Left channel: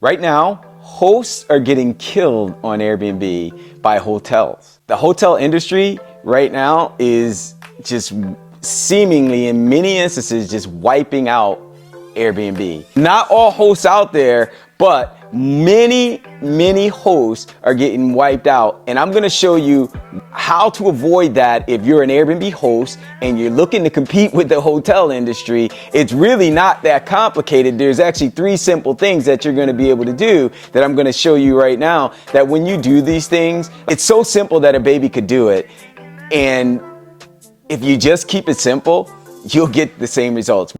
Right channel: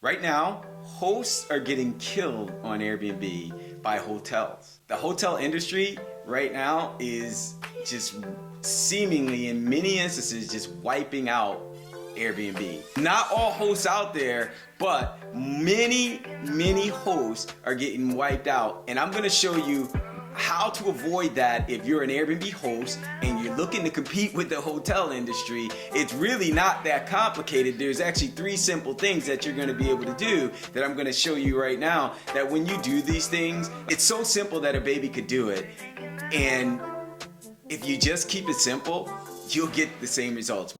Right now, hosts are getting killed on Airbnb by hotels. The hotel industry right now is just seemingly, in many instances, just wiping out Airbnb. Not all hosts out there, but many hosts are getting wiped out. And I'm gonna show you how to avoid that if you're an Airbnb host and you're looking to compete with the hotel industry. It's really not that complicated. There's actually 3 simple things that you're gonna be able to do that I'm gonna show you right now, that when you do these things, it's so simple that a baby could do it. And if you just keep it simple, you'll get the same results.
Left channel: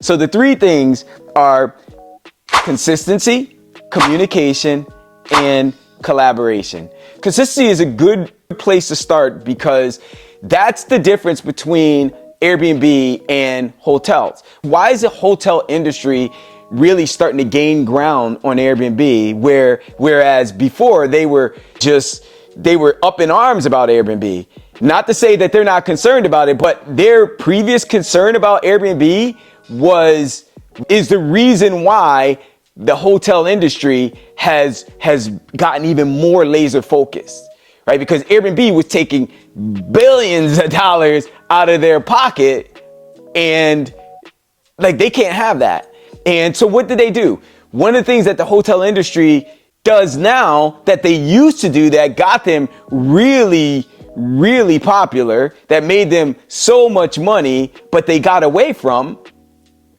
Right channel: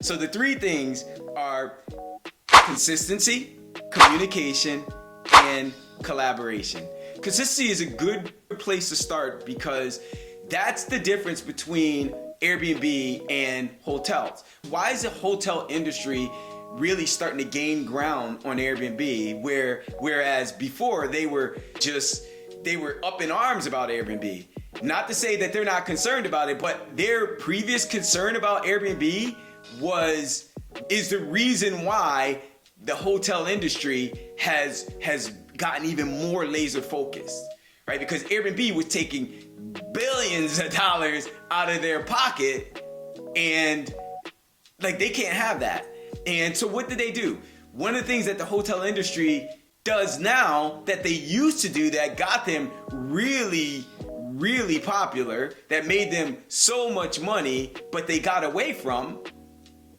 So the 3 things are consistency, communication, and collaboration. Consistency is a good place to start because that's the difference between Airbnb and hotels. Why is the hotel industry really starting to gain ground on Airbnb, whereas before they were up in arms about Airbnb? Not to say that they're not concerned about it, but their previous concern about Airbnb is the reason why the hotel industry has gotten even more laser focused, right? Because Airbnb was taking billions of dollars out of their pocket, and like they can't have that. And so what did they do? One of the things that the hotel industry does now that they used to do that got them really popular, that made them so much money, but they got away from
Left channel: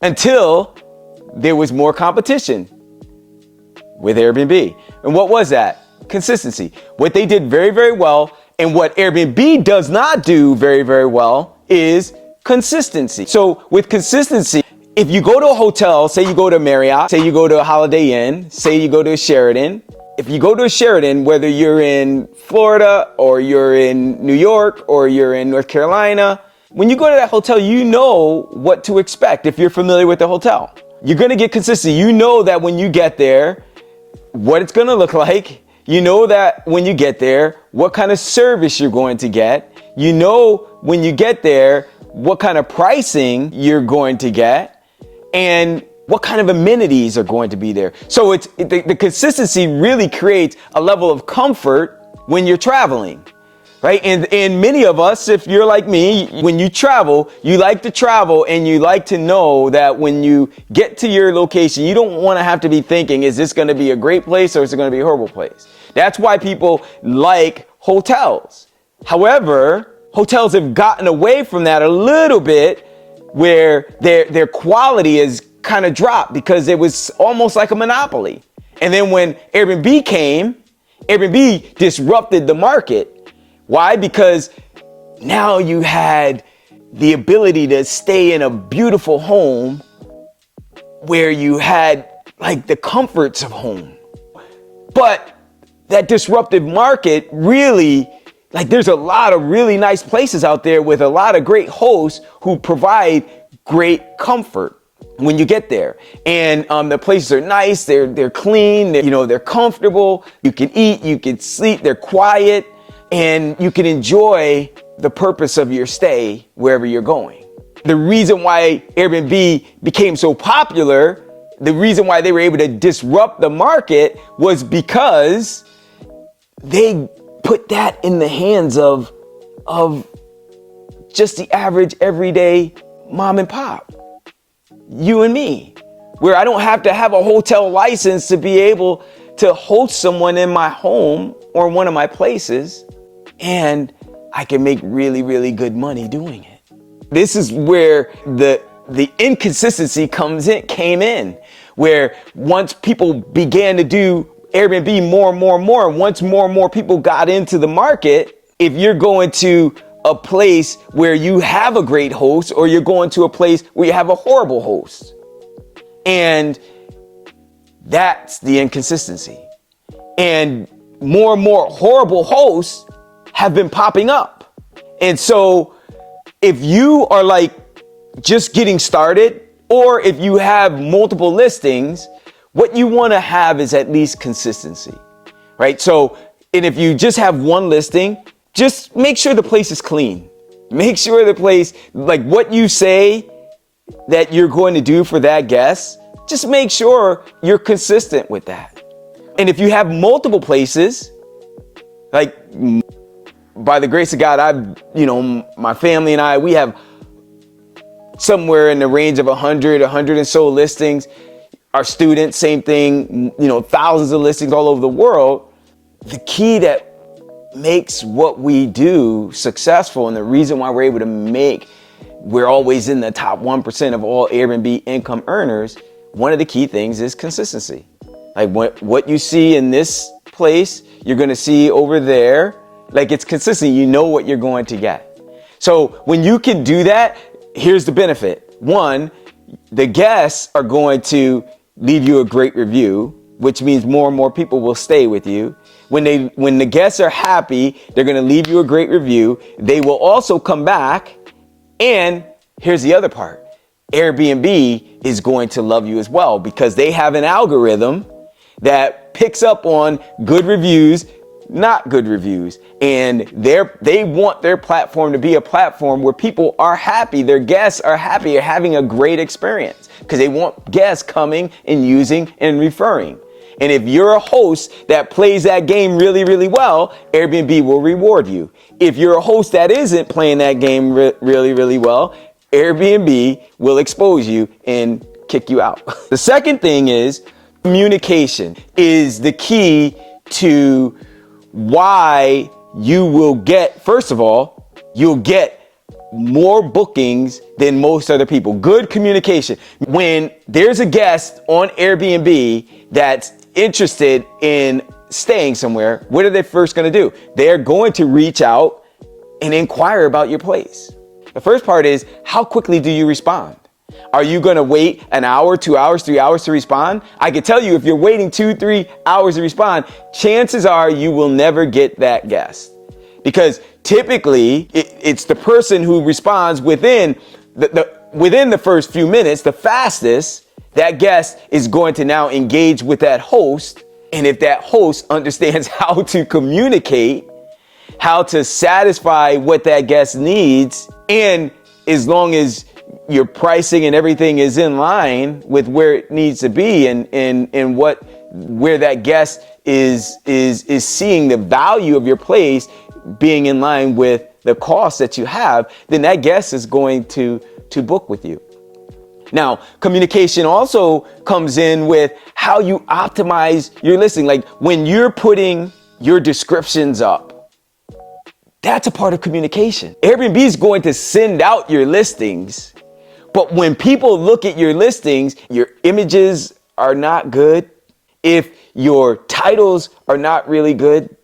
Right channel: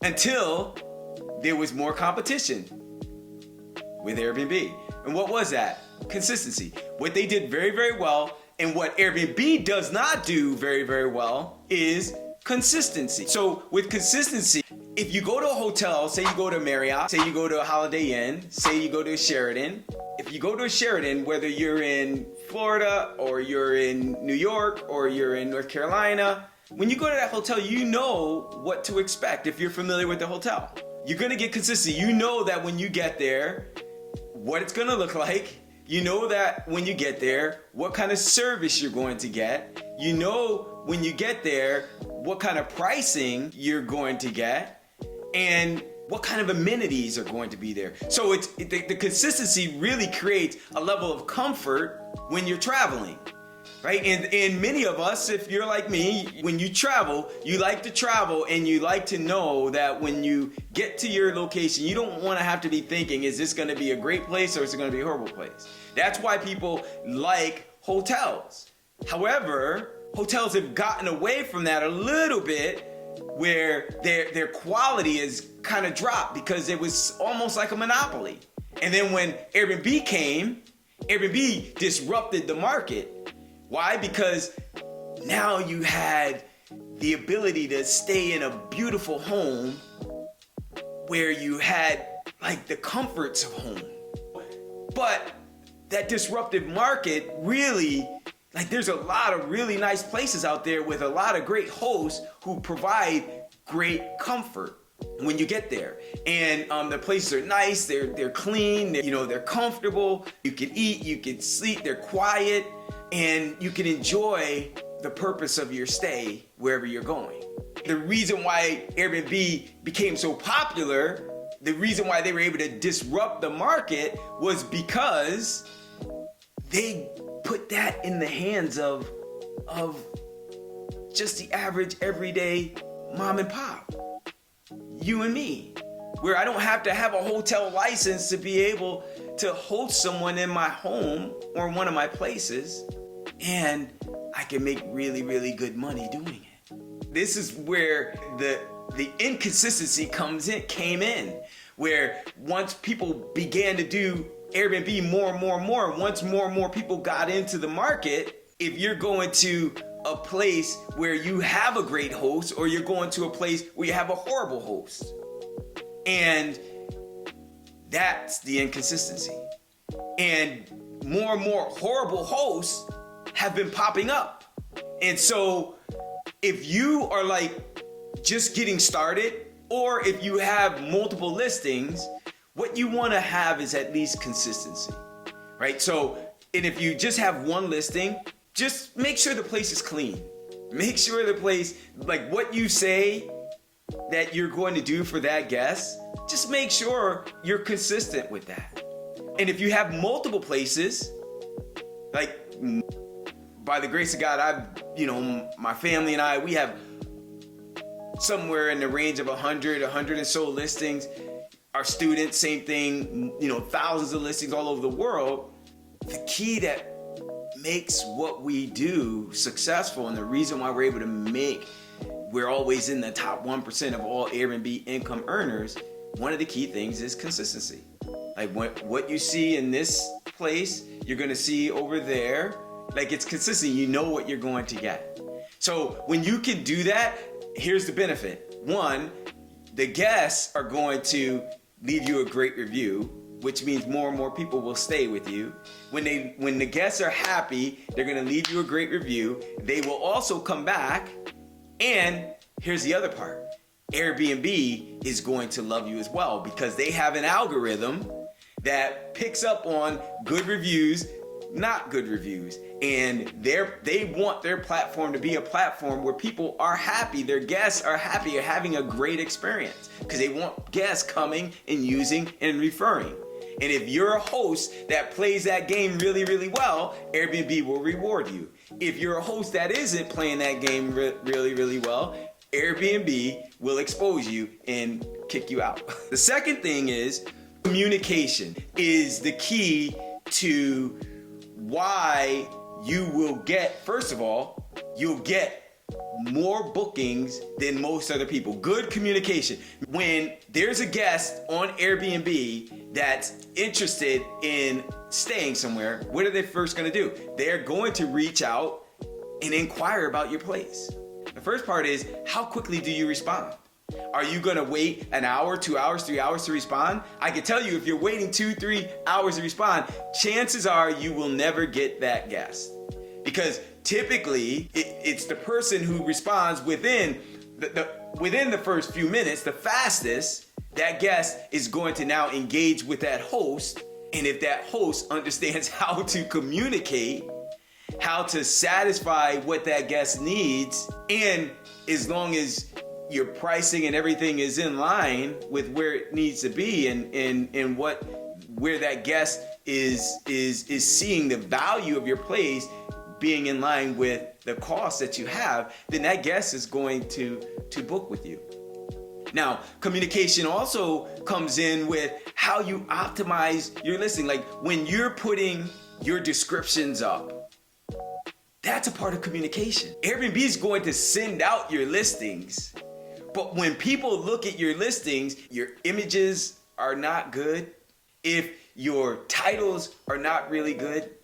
until there was more competition with Airbnb. And what was that? Consistency. What they did very well, and what Airbnb does not do very well, is consistency. So with consistency, if you go to a hotel, say you go to Marriott, say you go to a Holiday Inn, say you go to a Sheraton. If you go to a Sheraton, whether you're in Florida or you're in New York or you're in North Carolina, when you go to that hotel, you know what to expect if you're familiar with the hotel. You're gonna get consistency. You know that when you get there, what it's gonna look like. You know that when you get there, what kind of service you're going to get. You know when you get there, what kind of pricing you're going to get, and what kind of amenities are going to be there. So the consistency really creates a level of comfort when you're traveling, right? And many of us, if you're like me, when you travel, you like to travel and you like to know that when you get to your location, you don't want to have to be thinking, is this going to be a great place or is it going to be a horrible place? That's why people like hotels. However, hotels have gotten away from that a little bit, where their quality has kind of dropped because it was almost like a monopoly. And then when Airbnb came, Airbnb disrupted the market. Why? Because now you had the ability to stay in a beautiful home where you had like the comforts of home. But that disruptive market really, like there's a lot of really nice places out there with a lot of great hosts who provide great comfort when you get there. And the places are nice, they're clean, they're comfortable, you can eat, you can sleep, they're quiet, and you can enjoy the purpose of your stay wherever you're going. The reason why Airbnb became so popular, the reason why they were able to disrupt the market was because they put that in the hands of just the average everyday mom and pop, you and me, where I don't have to have a hotel license to be able to host someone in my home or one of my places, and I can make really good money doing it. This is where the inconsistency came in, where once people began to do Airbnb more and more, once more and more people got into the market, if you're going to a place where you have a great host or you're going to a place where you have a horrible host. And that's the inconsistency. And more horrible hosts have been popping up. And so if you are like just getting started Or if you have multiple listings, what you want to have is at least consistency, right? So, and if you just have one listing, just make sure the place is clean. Make sure the place, like what you say that you're going to do for that guest, just make sure you're consistent with that. And if you have multiple places, like by the grace of God, my family and I, we have somewhere in the range of 100 and so listings. Our students, same thing, thousands of listings all over the world. The key that makes what we do successful, and the reason why we're always in the top 1% of all Airbnb income earners, one of the key things is consistency. Like what you see in this place, you're gonna see over there. Like it's consistent, you know what you're going to get. So when you can do that, here's the benefit. One, the guests are going to leave you a great review, which means more and more people will stay with you. When the guests are happy, they're gonna leave you a great review. They will also come back. And here's the other part. Airbnb is going to love you as well because they have an algorithm that picks up on good reviews, not good reviews. And they want their platform to be a platform where people are happy, their guests are happy, are having a great experience because they want guests coming and using and referring. And if you're a host that plays that game really, really well, Airbnb will reward you. If you're a host that isn't playing that game really, really well, Airbnb will expose you and kick you out. The second thing is communication is the key to why you will get, first of all, you'll get more bookings than most other people. Good communication. When there's a guest on Airbnb that's interested in staying somewhere, what are they first going to do? They're going to reach out and inquire about your place. The first part is, how quickly do you respond? Are you going to wait an hour, 2 hours, 3 hours to respond? I can tell you, if you're waiting 2-3 hours to respond, chances are you will never get that guest. Because typically it's the person who responds within the first few minutes, the fastest. That guest is going to now engage with that host. And if that host understands how to communicate, how to satisfy what that guest needs, and as long as your pricing and everything is in line with where it needs to be and where that guest is seeing the value of your place being in line with the cost that you have, then that guest is going to book with you. Now, communication also comes in with how you optimize your listing. Like when you're putting your descriptions up, that's a part of communication. Airbnb is going to send out your listings, but when people look at your listings, your images are not good. If your titles are not really good,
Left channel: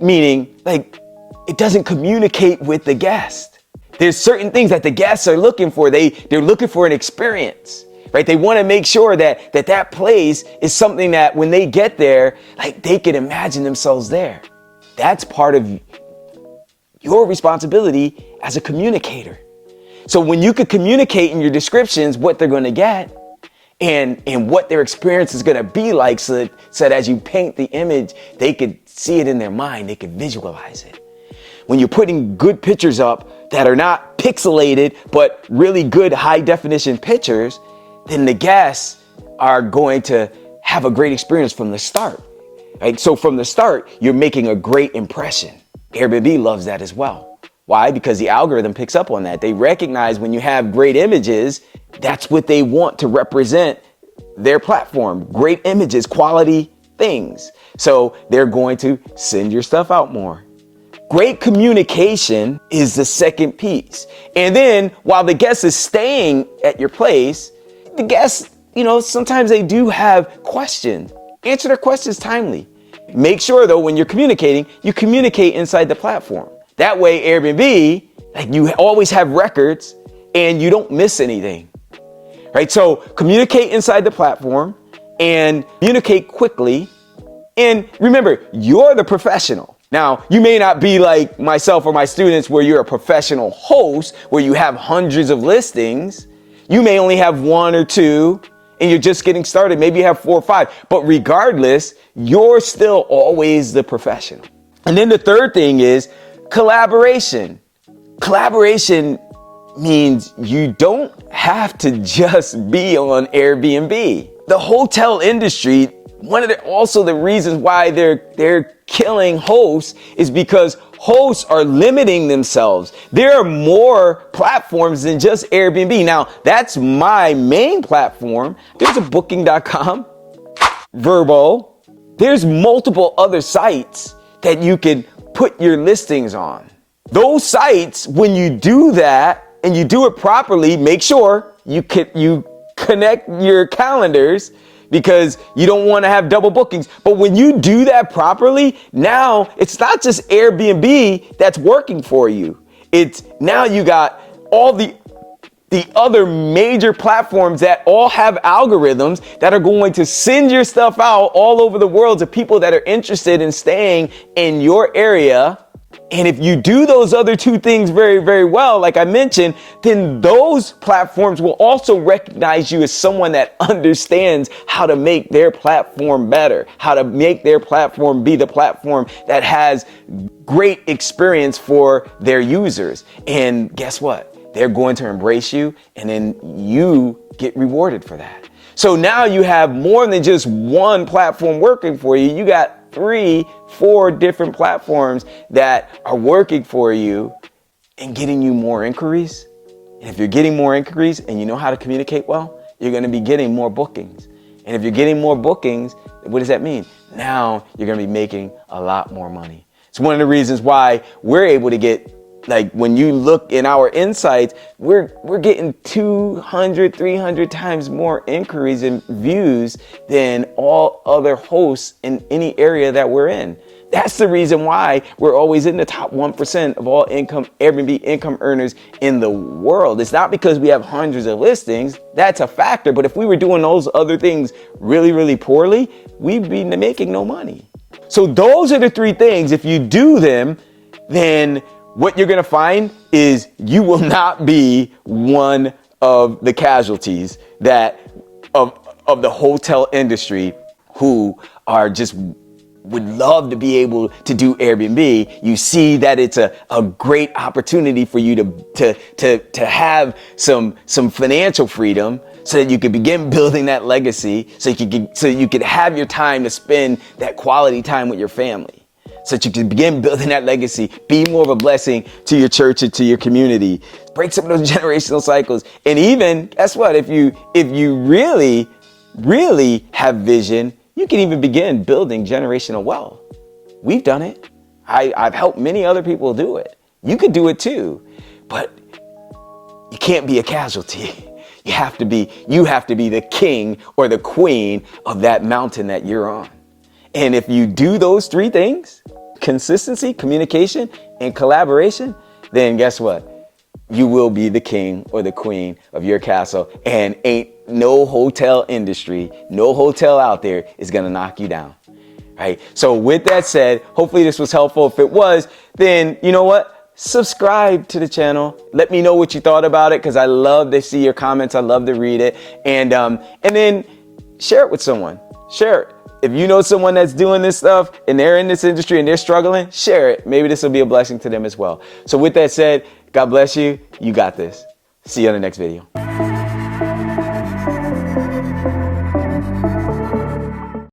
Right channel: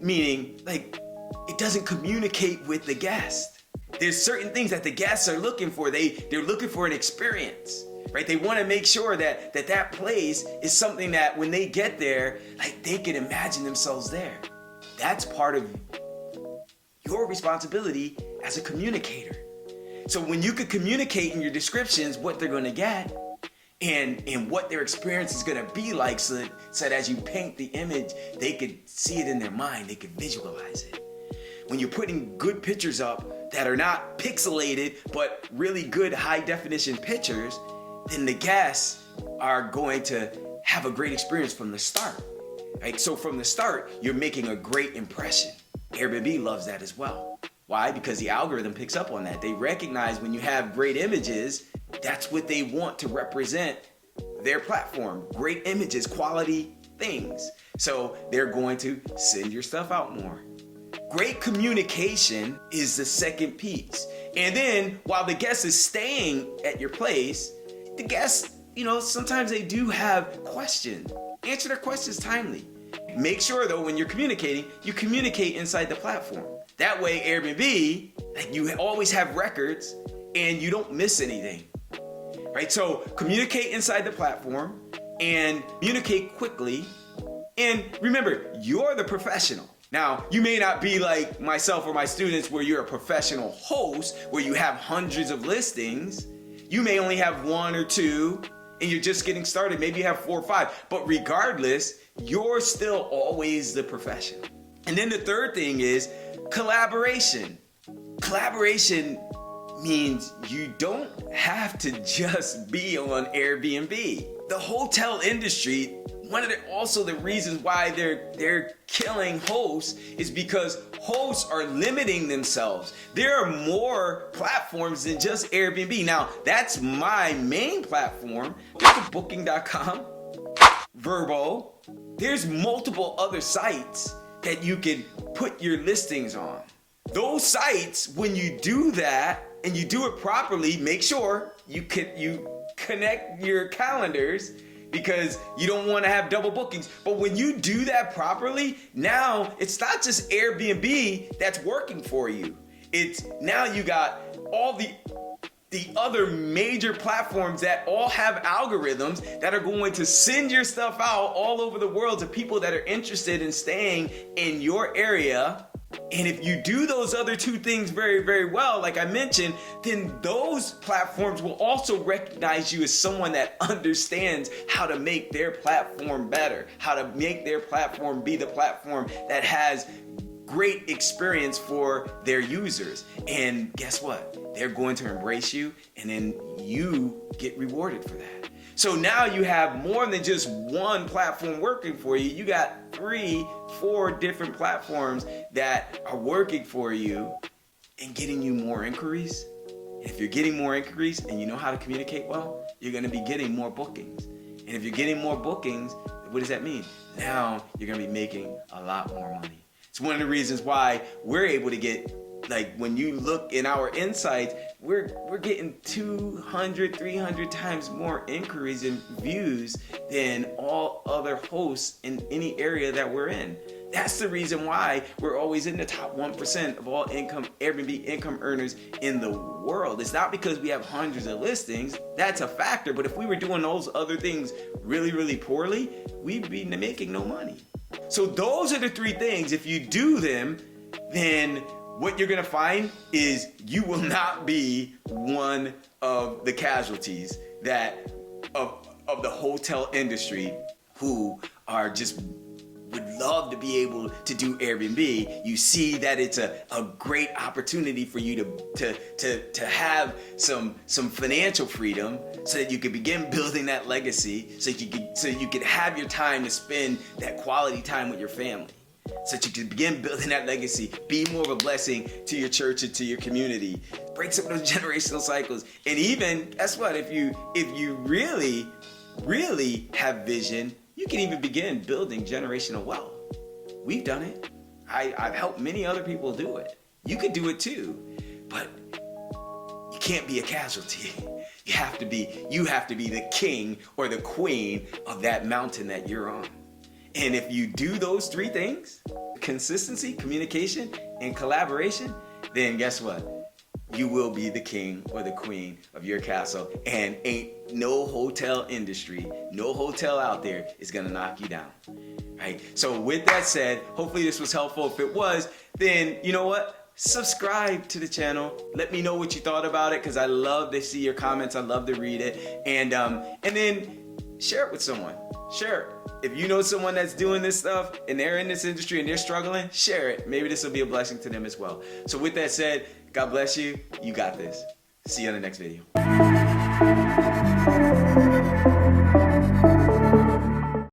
meaning it doesn't communicate with the guest. There's certain things that the guests are looking for. They're looking for an experience, right? They want to make sure that place is something that when they get there, they can imagine themselves there. That's part of your responsibility as a communicator. So when you could communicate in your descriptions what they're going to get and what their experience is going to be like, so that as you paint the image, they could see it in their mind, they could visualize it. When you're putting good pictures up that are not pixelated, but really good high definition pictures, then the guests are going to have a great experience from the start. Right? So from the start, you're making a great impression. Airbnb loves that as well. Why? Because the algorithm picks up on that. They recognize when you have great images, that's what they want to represent their platform. Great images, quality things. So they're going to send your stuff out more. Great communication is the second piece. And then while the guest is staying at your place, the guests, sometimes they do have questions. Answer their questions timely. Make sure though, when you're communicating, you communicate inside the platform. That way Airbnb, you always have records and you don't miss anything, right? So communicate inside the platform and communicate quickly. And remember, you're the professional. Now, you may not be like myself or my students where you're a professional host, where you have hundreds of listings. You may only have one or two and you're just getting started. Maybe you have 4 or 5, but regardless, you're still always the professional. And then the third thing is collaboration. Collaboration means you don't have to just be on Airbnb. The hotel industry, also the reasons why they're killing hosts is because hosts are limiting themselves. There are more platforms than just Airbnb. Now, that's my main platform. There's a booking.com, Vrbo. There's multiple other sites that you can put your listings on. Those sites, when you do that and you do it properly, make sure you connect your calendars because you don't want to have double bookings. But when you do that properly, now it's not just Airbnb that's working for you. It's now you got all the other major platforms that all have algorithms that are going to send your stuff out all over the world to people that are interested in staying in your area. And if you do those other two things very, very well, like I mentioned, then those platforms will also recognize you as someone that understands how to make their platform better, how to make their platform be the platform that has great experience for their users. And guess what? They're going to embrace you, and then you get rewarded for that. So now you have more than just one platform working for you. You got 3, 4 different platforms that are working for you and getting you more inquiries. And if you're getting more inquiries and you know how to communicate well, you're going to be getting more bookings. And if you're getting more bookings, what does that mean? Now you're going to be making a lot more money. It's one of the reasons why we're able to get, like, when you look in our insights, we're getting 200, 300 times more inquiries and views than all other hosts in any area that we're in. That's the reason why we're always in the top 1% of all Airbnb income earners in the world. It's not because we have hundreds of listings. That's a factor. But if we were doing those other things really, really poorly, we'd be making no money. So those are the 3 things. If you do them, then what you're going to find is you will not be one of the casualties of the hotel industry who are just would love to be able to do Airbnb. You see that it's a great opportunity for you to have some financial freedom so that you can begin building that legacy, so you could have your time to spend that quality time with your family, so that you can begin building that legacy, be more of a blessing to your church and to your community, break some of those generational cycles. And even, guess what, if you really, really have vision, you can even begin building generational wealth. We've done it. I've helped many other people do it. You could do it too, but you can't be a casualty. You have to be the king or the queen of that mountain that you're on. And if you do those 3 things, consistency, communication, and collaboration, then guess what? You will be the king or the queen of your castle, and ain't no hotel industry, no hotel out there is gonna knock you down, right? So with that said, hopefully this was helpful. If it was, then you know what? Subscribe to the channel. Let me know what you thought about it, because I love to see your comments. I love to read it. And then share it with someone. Share it. If you know someone that's doing this stuff and they're in this industry and they're struggling, share it. Maybe this will be a blessing to them as well. So with that said, God bless you. You got this. See you on the next video.